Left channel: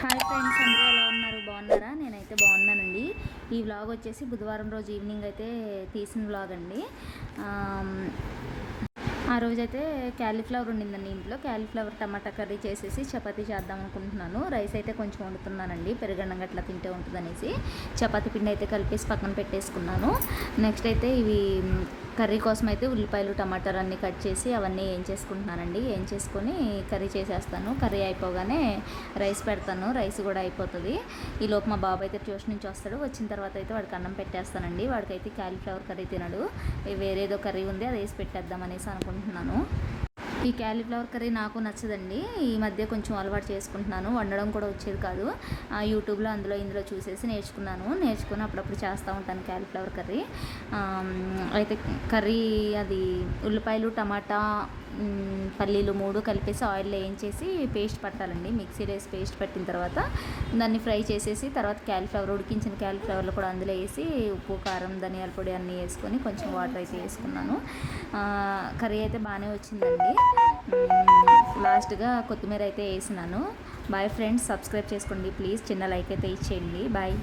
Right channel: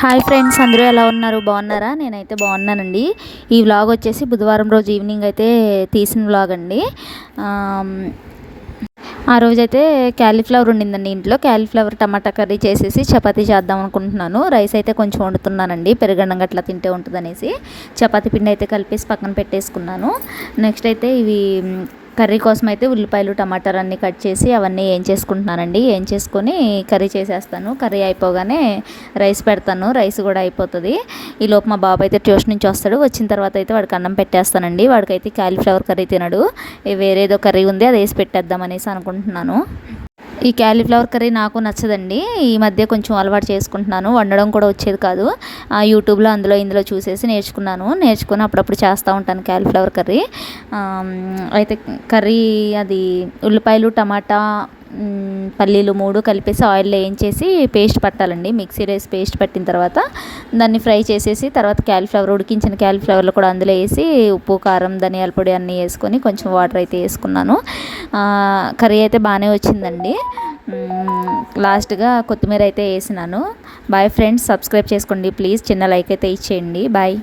Hi friends, అందరూ ఎలా ఉన్నారు? బాగున్నారా? నేనైతే బాగున్నానండి. ఈ వ్లాగ్ వచ్చేసి బుధవారం రోజు ఈవినింగ్ అయితే తీసిన వ్లాగ్ అండి. ఆ రోజైతే క్యాలీఫ్లవర్ ఉండిందండి ఇంట్లో. క్యాలీఫ్లవర్ టమాటా కర్రీ చేసేసి చపాతీ చేద్దాం అనుకుంటున్నాను. రైస్ అయితే కొంచెం వండుతున్నానండి, పెరుగన్నం గట్లా తింటే ఉంటుందనేసి. చపాతీ పిండి అయితే కలిపేసి పక్కన పెట్టేసుకున్నాను. నెక్స్ట్ అయితే ఇవి కర్రీ కోసం అయితే ఉల్లిపాయలు టమాటాలు అన్నీ కట్ చేసి అవన్నీ ఏం చేసుకుంటున్నానండి. ఏం చేసుకొని కర్రీ చేసేస్తాను. కర్రీ అయిపోగానే రైస్ పెడతాను. రైస్ కూడా అయిపోతుంది. ఈ లోపు మా బాబు అయితే ట్యూషన్ నుంచి వస్తాడు. వచ్చిన తర్వాత అయితే వాడికి అన్నం పెట్టేస్తానండి. వాడికైతే క్యాలీఫ్లవర్ కర్రీ తినడు. వేరేదో కర్రీ ఉంది, అది వేసి పెట్టేద్దాం అనేసి అనుకుంటున్నాను. ఈ క్యాలీఫ్లవర్ కర్రీ నాకు నచ్చదండి. ఈ మధ్య కొంచెం అలవాటు చేసుకుంటున్నాను. వండడం కూడా వచ్చేది కాదు. యూట్యూబ్లో అందులో ఇందులో చూసేసి నేర్చుకుని అప్పుడప్పుడు చేస్తూ ఉంటాను క్యాలీఫ్లవర్ కర్రీ. అయితే కర్రీ అది ఉల్లిపాయలు టమాటా పల్లీలు 3 కలిపేసి ఆయిల్లో వేయించేసి పేస్ట్ పట్టాలండి. మిక్సీ వేసి పేస్ట్ పట్టిన తర్వాత దాన్ని ఫ్రై చేసేసి తర్వాత క్యాలీఫ్లవర్, ఉడికించిన క్యాలీఫ్లవర్లో కూడా అందులో వేసి ఉప్పు కారం ధనియాల పొడి అన్నీ వేసుకొని కొంచెం వాటర్ అయితే వేసుకున్నాను. కర్రీ అయితే బాగానే వచ్చిందండి. లాస్ట్గా కొత్తిమీర అయితే వేసినాను. బాయ్ ఫ్రెండ్స్, సబ్స్క్రైబ్ చేసుకోండి ప్లీజ్. చిన్న లైక్ అయితే ఇచ్చేయండి. బాయ్.